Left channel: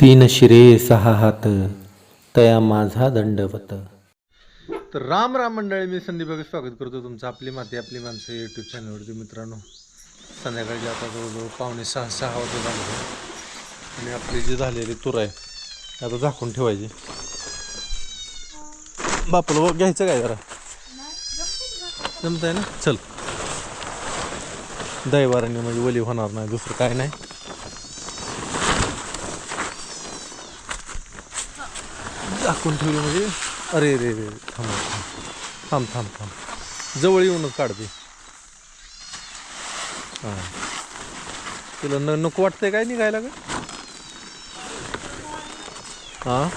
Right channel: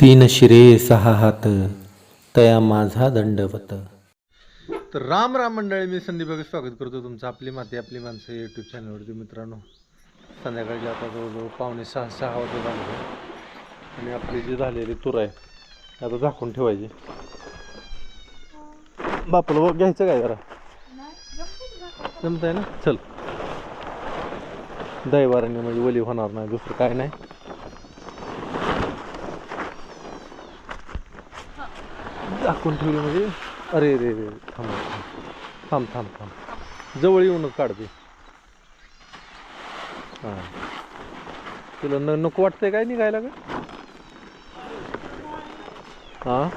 तीन शिरे सहा हात तया माझा दंडवत. तर राम राम मंडळी मी संदीप भगत स्वागत करतो तुमचं आपली माती आपली माणसं यूट्यूब चॅनलवरती मित्रांनो संध्याकाळी आता जवळजवळ पावणे सहा सहा वाजता झाले आणि आपली जी झालेली तूर आहे आता झाकून ठेवायची. बापूला घ्यायचं काय जरा? जमत आहे ना? चल. दैवाराने म्हणजे वली होणार नाही दुसरं काय नाही. झाकून ठेवली म्हणजे? अरे रे रे. थांब थांब थांब थांब जवळ येऊनच काढते. हां. तुला न नको वाटतंय काय निघायला का हां?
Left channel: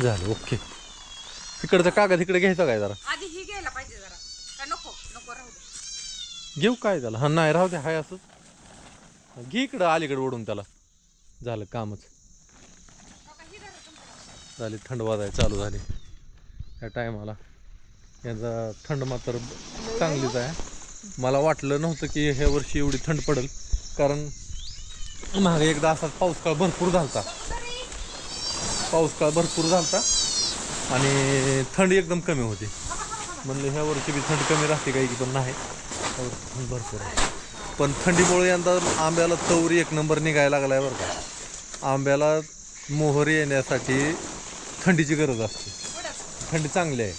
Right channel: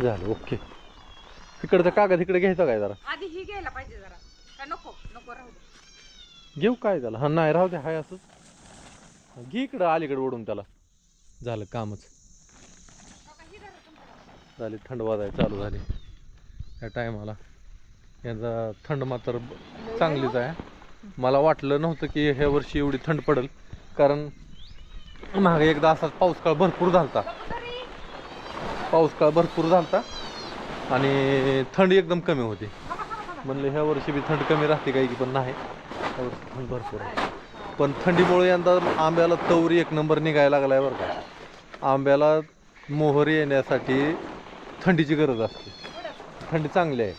झालं ओके. तिकडचा कागद इकडे घ्यायचा काय जरा? आधी ही घ्यायला पाहिजे जरा. नको नको राहू दे. घेऊ काय त्याला? हा नाही राहू दे हाय असंच. घे इकडं अलीकडे ओढून त्याला. झालं कामच. झाली थंड वाजाय चालू झाली. या टायमाला. यांचा थंड मात्र चांगलीच आहे. मला वाटलं नव्हतं की ह्या वर्षी एवढी थंड पडेल. कारण मागे एकदा असाच पाऊस काळ भरपूर झालता. पाऊसकाळ भरपूर झालता. आणि थंड एकदम कमी होती. म्हणलं ह्या वर्षी बी थंड कमी राहते काही की पण नाही. थंड भरपूर आहे. पण थंडीमुळे यंदा आंब्याला तवरी एक नंबर निघायला लागला आहे बरं का. आंब्याला मोहर येण्यासाठी थंडीची गरज असते. थंडी चांगली आहे.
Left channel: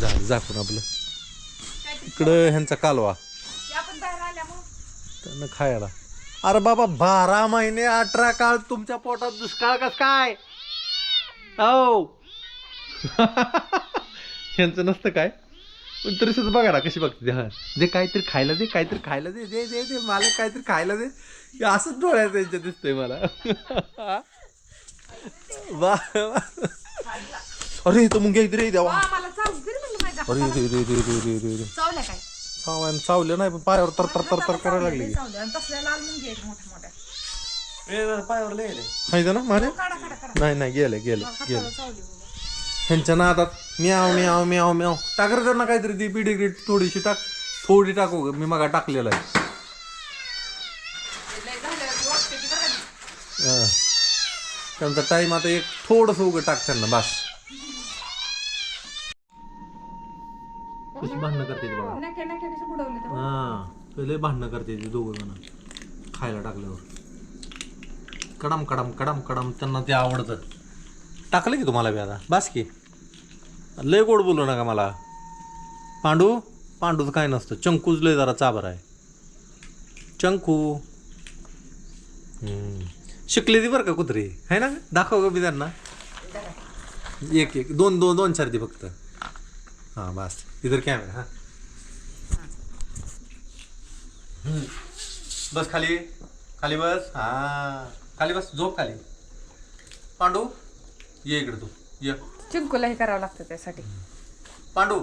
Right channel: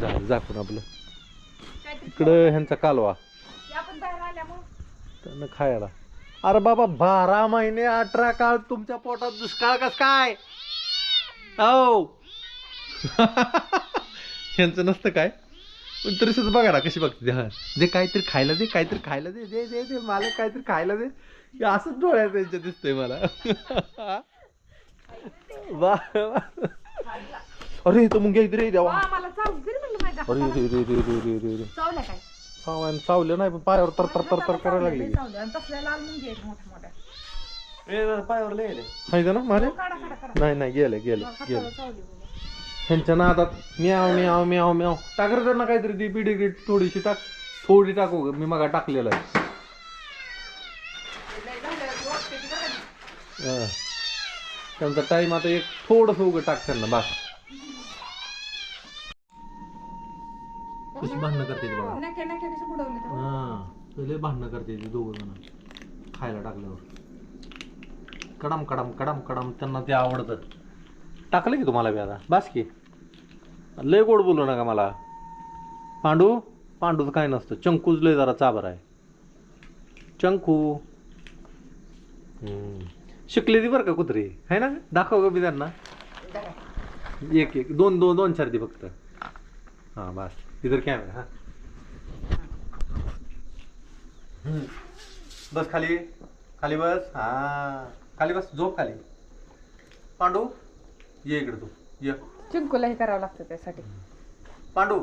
झालं झाकून आपलं. इकडं ह्यांचा कालवा. त्यांना खायला. अरे बाबा बारा महिने अठरा काळ तुमच्या पोटात दुष्काळ कस काय? हो. यांचं नसतं काय? पण तरी सुद्धा बघा ना कशी बघते हा. दे काहीतरी खायला दे काहीतरी खायला दे दे दे दे मला काहीतरी खायला दे. हे असंच डोळ्यात त्यांच्या दिसतंय मला. वा वा. अरे तो मुंग्या इथे देवा. मला चावू दे रे म्हणलं माझ्या अरे रे रे रे रे रे रे रे चावल्या काय? चावलं चावलं नाही पण पायावर तर तर तर तर करायला लागली. चावल्या. आणि तसल्या लाल मुंगी आहेत मोठ्या मोठ्या. पायावर लिहिले माहिती ना मारे काढा काढा काढा. नाही नाही गेले गेले गेले. चावली. ह्यांच्या नादात म्याव म्याव म्याव म्याव. टाकर त्यांना काहीतरी ती पिढी थोडीशी टाक. थोडी टाकू ग. मी मगा टाकलेलं आहे? हा. त्यांचा टाइम आता एक थोडस उगं टाक त्यांना बस. कशी भांडणं करते हा. पहिले भांडणं करते ती दोघं जण. खायला टाकल्यावर. कडम कडम कडम कडम. त्यांना ते आवडतं. टाकलं की तुम्हाला बी आता. बास की. लय गोड बोलू नका मला. पांडू पांडूचं काय नसतं. चंकूच लय जरा चाबर आहे. चंकू. शिकली ती बरं का कुत्री? आहे ना? दाखव का मी त्यांना. एक एक. दोन दोन दोन चार ती फक्त. हां बस. इधर कॅमेरा हां. बस खाली. खाली बस. हां. खाली बस. झोप खाली. पांडू ये इकडे तू. ये. चिंकूला हे करावं लागतं त्यासाठी. पांडू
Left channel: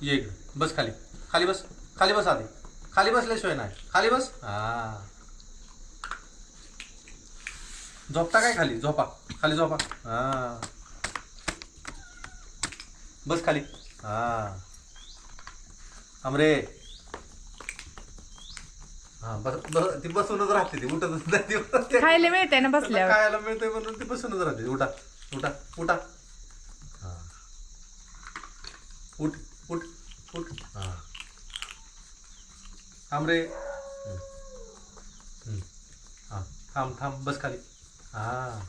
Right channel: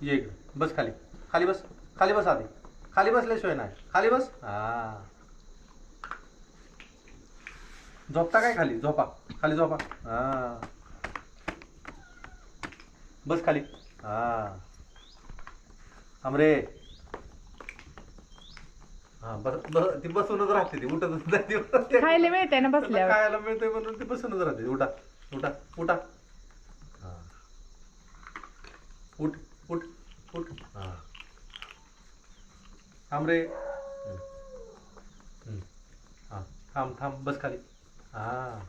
ये इकडे. बस खाली. खाली बस. खाली बस आधी. खाली बसल्याशिवाय नाही. खाली बस. हा. झोपता काय खाली? झोपा. खाली झोपा. हा. बस खाली. हा. आमरे हा बस बस ती बसूनच राहते ती. उठतच नाही ती. उठत खायला मिळते ना बसल्यावर. खायला मिळतंय म्हणून ती बसूनच राहते. उठा. उठा. उठा हा उठ उठ उठ हा. थांब रे. हा थांब थांब बस खाली. हा.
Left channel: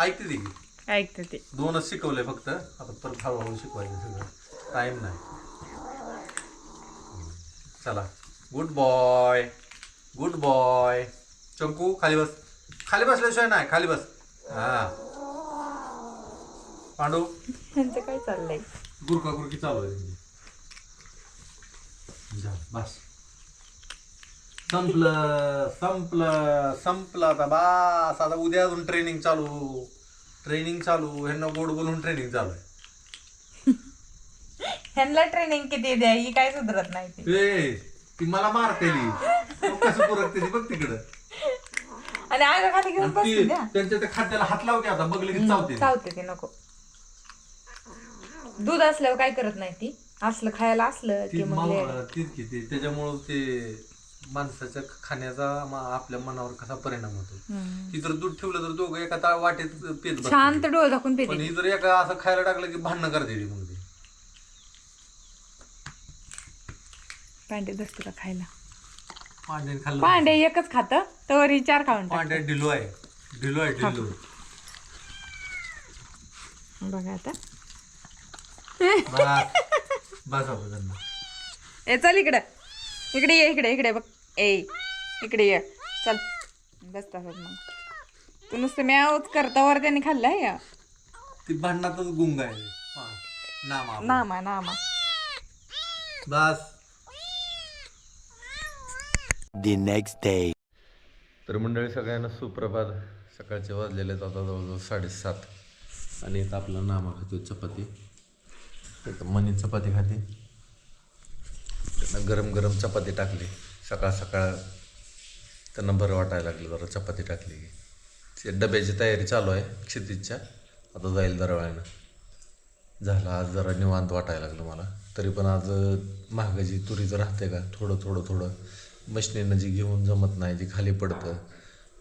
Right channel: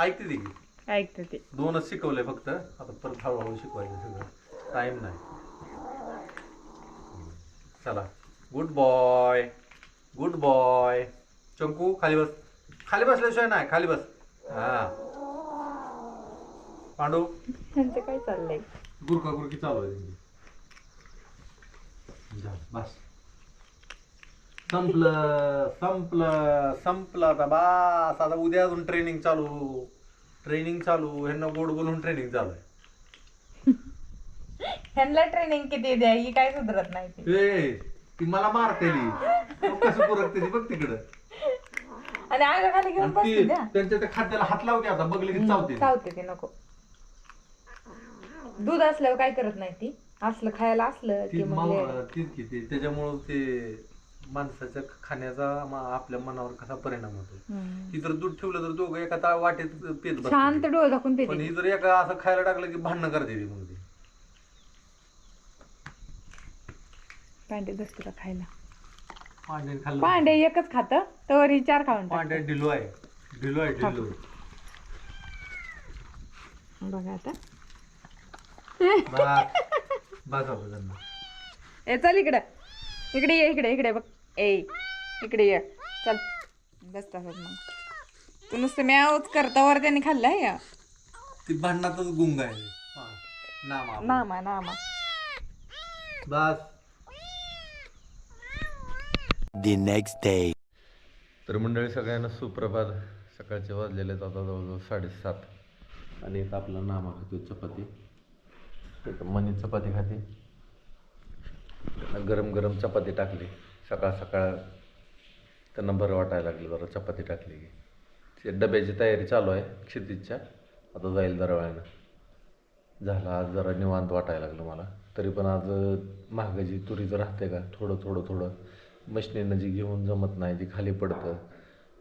ऐकते ती. की. ऐकते ते. दोनच शिकवलंय फक्त. आता परत हळूहळू शिकवायचं सगळं. टाइम नाही. चला. Good boy good boy Chanku खाली बस. खाली बसल्याशिवाय नाही. खाली बस. हा. पांडू. त्यांचं काय चाललंय? गुरका गुरकी चालू आहे त्यांची. झालं, बस. संपलं संपलं संपलं आता बास. आता उद्या अजून ट्रेनिंग चालू. ट्रेनिंग चालू. ह्यांना गोड बोलून ट्रेनिंग चालू आहे. ह्यांना ट्रेनिंग किती द्या? ही काय सुधरत नाही ते. ए ती मला मारतेली मग कसं पुरकते ती बघ तिकडं. आणि आग खाली घेऊन आणि बसते ती द्या. त्यांच्या त्या खाद्याला हात लावते आता. बघले की चावते. चावते ते नको. दूध असल्यावर काय करत नाही ती? असलं खायला असलं ती की मग तीच की ती त्याच्यामुळं ते माणसाच्या खाण्याचा मा- आपल्या मनावर कसा परिणाम होतो. हम्म. ही जर दूध ठेवलं तर दोघं एका ता- वाटेत पेत. शांत डोळे दाखवून पण पेते ही जर एका असं खायला टाकलं की भांडणं करते ती मग ती. पांडे दस तुला खायला खाल्लं पांडे एकच खात तर ही चार खाऊन टाक. ढिलो आहे. ढिलो आहे ढिलो. बघा आता. ए चल इकडे. इकडे ये इकडे इकडे बघ. ए इकडे ये. चल. बस तसंच मग. तू नुसतं म्यावच करतावर त्याने खाल्लं या ती भांडणातच गुंग आहे. हा, नाम. नामा नामा. बस. The next day. तर मंडळी सगळ्यांना सुप्रभात. सकाळचे वाजलेले आता जवळजवळ साडेसात. आणि इथं आपलं नामा खातो चपाती. मनी चपाती खाते. त्यांना गरम गरम चपाती टाकली. सकाळ सकाळ त्यांना बरं वाटायला लागलं जरा चपाती टाकली. की ते डब्याची तयारी चालू आहे क्षितिजच्या. आता जाईल दरवाळ्यानं झालं आज जरा निवांत वाटायला लागलं मला. तरी पण आज महागाची तुरीचं राहते का? थोडं थोडं थोडं. मशनीनं जी घेऊन जमत नाही जी खाली पडतं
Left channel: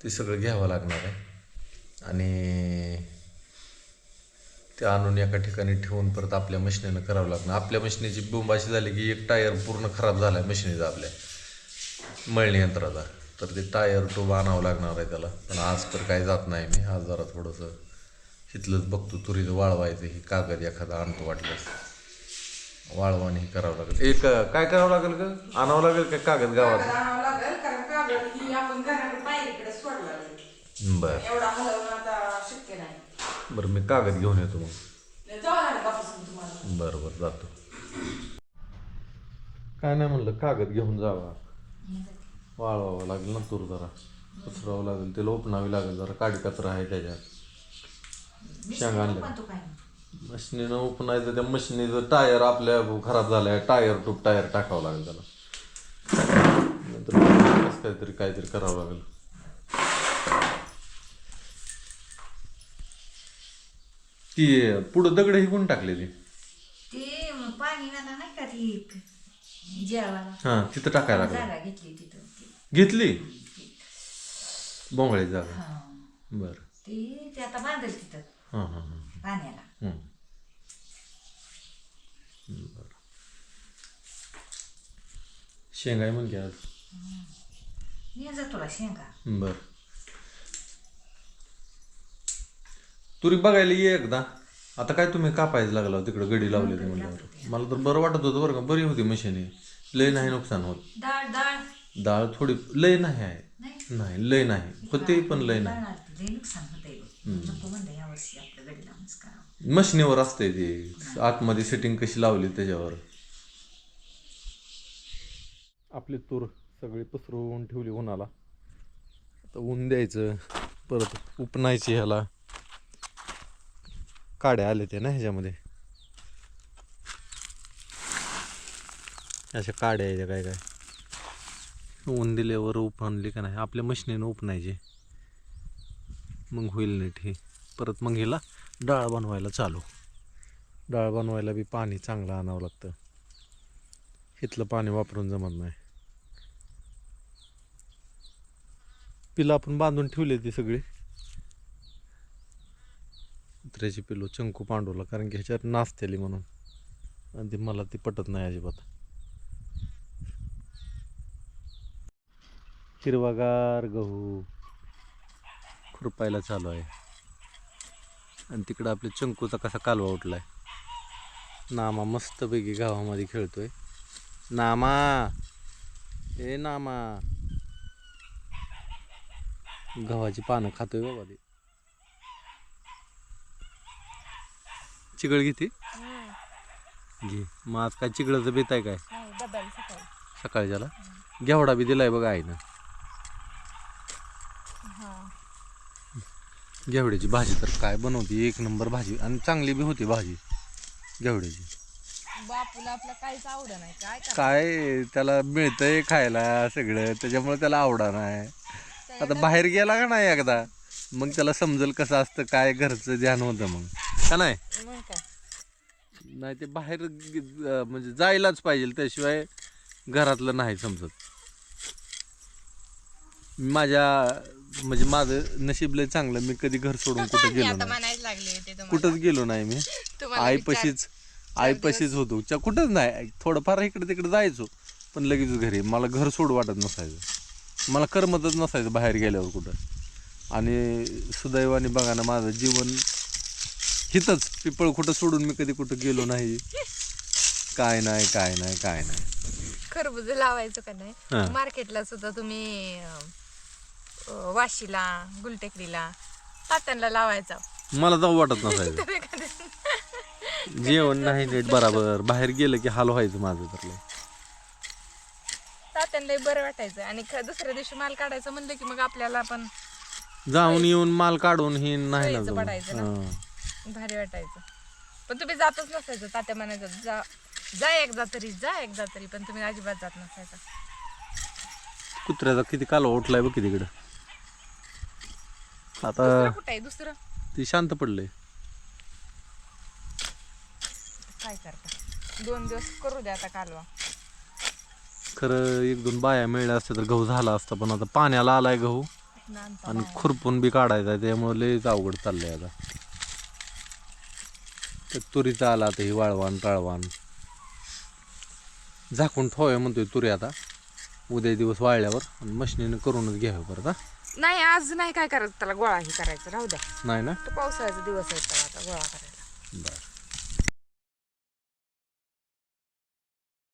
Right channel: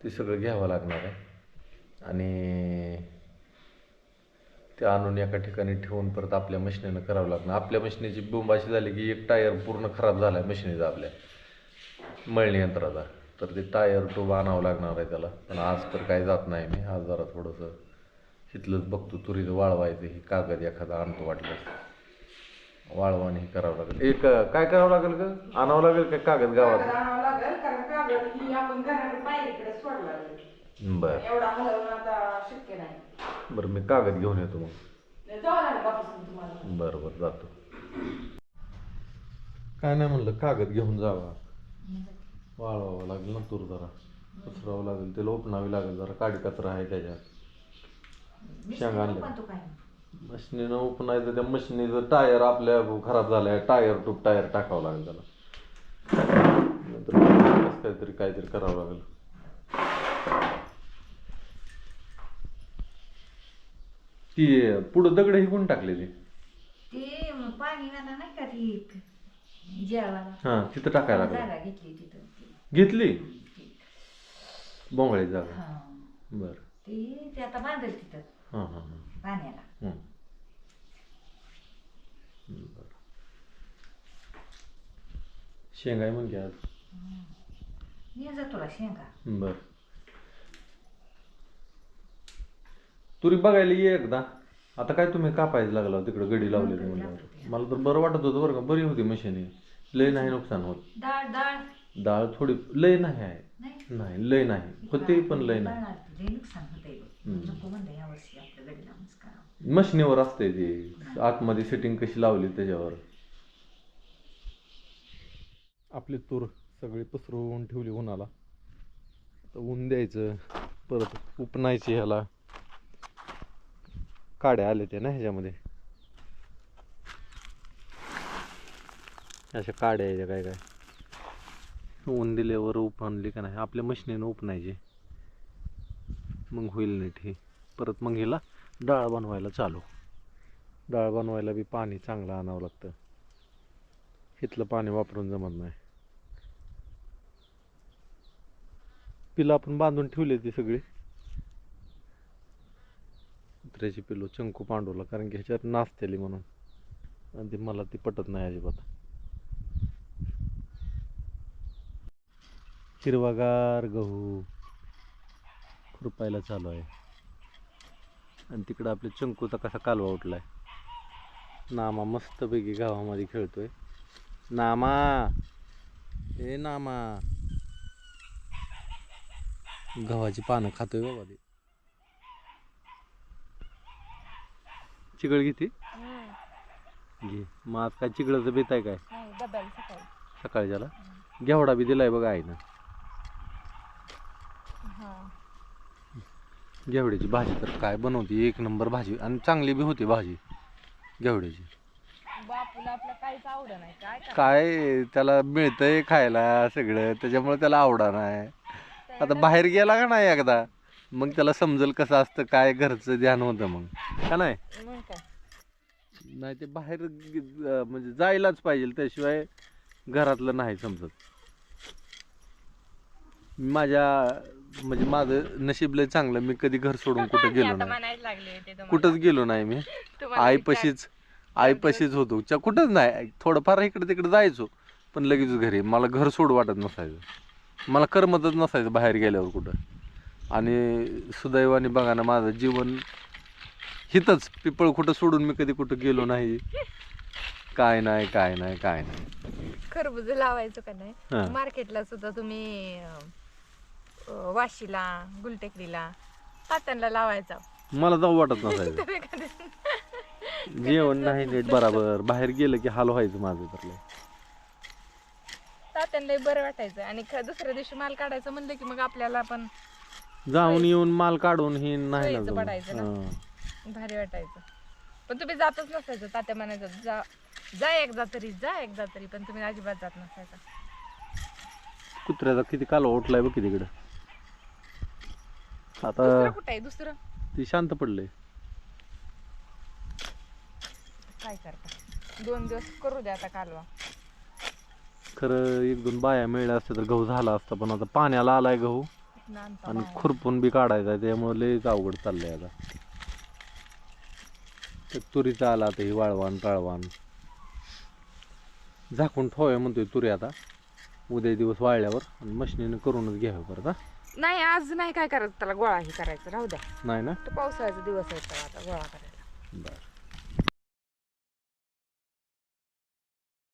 ते सगळं घ्यावं लागणार आहे. आणि ते आणून एका ठिकाणी ठेवून परत आपल्या मशिनीनं करावं लागणार. आपल्या मशिनीची बोंब अशी झाली की एक टायर पूर्ण खराब झाला आहे मशिनीचा आपल्या. मळणी यंत्राचा. तर ते टायर टूब आणावं लागणार आहे त्याला. पण आज तर काही जात नाही मी. आज जरा थोडंसं इथलंच बघतो. तुरीचं वाळवायचं ही कागद एखादा आणतो वाटल्यास. वाळवाने हे करावं लागेल. एक काय करावं लागेल का आणावं लागेल का कागद गावात? लागेल. कारण कागद ही आपण घराकडे बाहेरकडे सोडला बरं. बरं मी कागद घेऊन येतो मग. बरं बरं जातो. काय नाही म्हणलं कागद घेऊन जावा. वाळवावं लागेल ना तूर जरा. पसरावं लागेल ते लोपणावी लागेल जरा काडी कचरा आहे त्याच्यात. शेंगा आणल्या. मशिनीनं उपणायचं त्या मशिनीचं टायर आपल्या खराब झालाय टायर टूप टायर टाकावं लागेल त्याला. नंतर काहीतरी काहीतरी करावं लागेल. ती पुढं दगड ही कोण टाकले ती पाणी वाला नाही का ती हां तिथं टाकायला लागलं. जागा घेतली तिथं. ती घेतली. बोंगळी जागा. हा. बरं. ती ते आता बांधल तिथं. हां हां हां. पाण्याला. हम्म. शेंगाय म्हणजे आज. जा तुला शेंगा. बर. तुरी बघायला ये एकदा. आता काय तुम्ही कापायला लागला तिकडं गडी लावली होती म्हणल्यावर. मला तर बरं वाटत होतं बरं का बरी होती मशीन लय नाही नुकसान होत. डाळ डाळ डाळ थोडी लय नाही आहे. नाही? लय नाही. होते पण लय नाही. डाळ लय नुकसान होतंय बघ. नको म्हणलं या वर्षी आपलं गडी लावूनच करावं मशिनीवर असते ते. आतमध्ये सेटिंग कशी लावली त्याच्यावर. आपली तूर सगळी पसरवून ठेवली उन्हाला. आता ऊन द्यायचं परत उपनायची ह्याला. काड्या आले ते ना ह्याच्यामध्ये. अशा काड्या याच्या काय काय. ऊन दिल्यावर उपणली का नाही? आपल्या मशिनीनं उपणायचे. मग होईल नीट हे परत मग हिला डाळ बनवायला चालू. डाळ बनवायला बी पाणी चांगलं आणावं लागतं. इथलं पाणी वापरून जमत नाही. पिलं आपण बांधून ठेवले ती सगळी. कुत्र्याची पिलो चंकू पांडूला कारण की ह्याच्यात नाचतेली म्हणून. आणि ती मला ती पटत नाही अजिबात. हिरवागार गहू खुरपायला चालू आहे. आणि तिकडं आपल्या चंकूचा कसा कालवा उठलाय. नामा मस्तपैकी गावामध्ये खेळतोय. नामा! ए नामा! गव्हाची पानं खातोय बाबा ते. चिगळ घेते? घे. मग आज काय चिगळाचं बेत आहे काय? सकाळी. सकाळच्याला घेवडा बी दिलाय बघा आईनं. घेवड्याची भाजी तर काय बनवते? एक नंबर भाजी. आणि चांगली बी होती भाजी घेवड्याची. काय त्याला मिळतंय खायला सगळं. त्याच्यामुळे त्याला आवडा नाही. आता बाहेर गेला का नाही एकदा? मग त्याला समजेल कसं असतं काय घरचं ध्यान होतं मग. का नाही? मग काय? नाही ते बाहेर ग- म्हणजे जायलाच पाहिजे त्याशिवाय घरातलं नाही समजत. माझ्या म्हणजे माझं नशीब लय चांगलं मी कधी घर सोडून कुठं गेलो नाही. म्हणायला लागले होते तुम्हाला. कुठंच गेलो नाही मी. तुम्हाला आईपाशीच आईपाशीच होतो. च्या कुठंच नाही. थोडंफार इकडे तिकडे जायचो पण लगेच घरी. मला घर सोड वाटत नसायचं. मला करमतच नसायचं बाहेर गेल्यावर कुठं. आणि सुदैवाने बघा ना माझं जीवन हिथंच पिपळ कुठं सोडून मी कधी कुठं गेलो नाही. काय नाही काय नाही काय नाही. खरबूज लावायचं का हा. नाही मार्केटला सुद्धा तुम्ही अं, वाशीला गुलटेकडीला तात्यांना लावायचा. मला जाऊ वाटत नसायचं. जेवण नाही नीट बराबर. बाहेर गेलं की हाल व्हायचं माझं तर लय. तात्यांना बरं वाटायचं. आणि ख- दुसऱ्या दिवशी माल काढायचं म्हणलं की मग आपल्याला पण जाऊन येऊन माल काढून ही नाही ना सोयीचं जमत. पडायचं ना. हां. भारी वाटायचं. पण तुम्ही जातच नसायचं. तात्या म्हणायचं जा जा एकदा तरी जा एकदा तरी पण तुम्ही अजिबात जात नसायचं. कुत्र्याचा किती कालवा उठलाय बघ तिकडं आता दुसरं कुठं आहे? दुसरं? ती शांत पडले. काय करता? दोन दिवस करू द्या आता कालवा. खरं एक दोन बाया मिळल्या असत्या तर गहू झाला असता पण आता पाण्याला आलाय गहू. आणि खुरपून बी काढायचा त्यामुळे लयच अवघड चाललंय आता. तर तुरीचा आला आता ही वाळवान टाळवान झाकून ठेवाय म्हणतोय तुरी आता. उद्या दिवस वाळल्यावर आणि मशिनीनं करूनच घ्यावं परत हा. नाही आज नाही काय करायचं त्याला गोळा हे करायचं राहू द्या. नाही ना? तो पावसाळ्याचा दिवस आहे त्याला आता गोळा करायला बरं.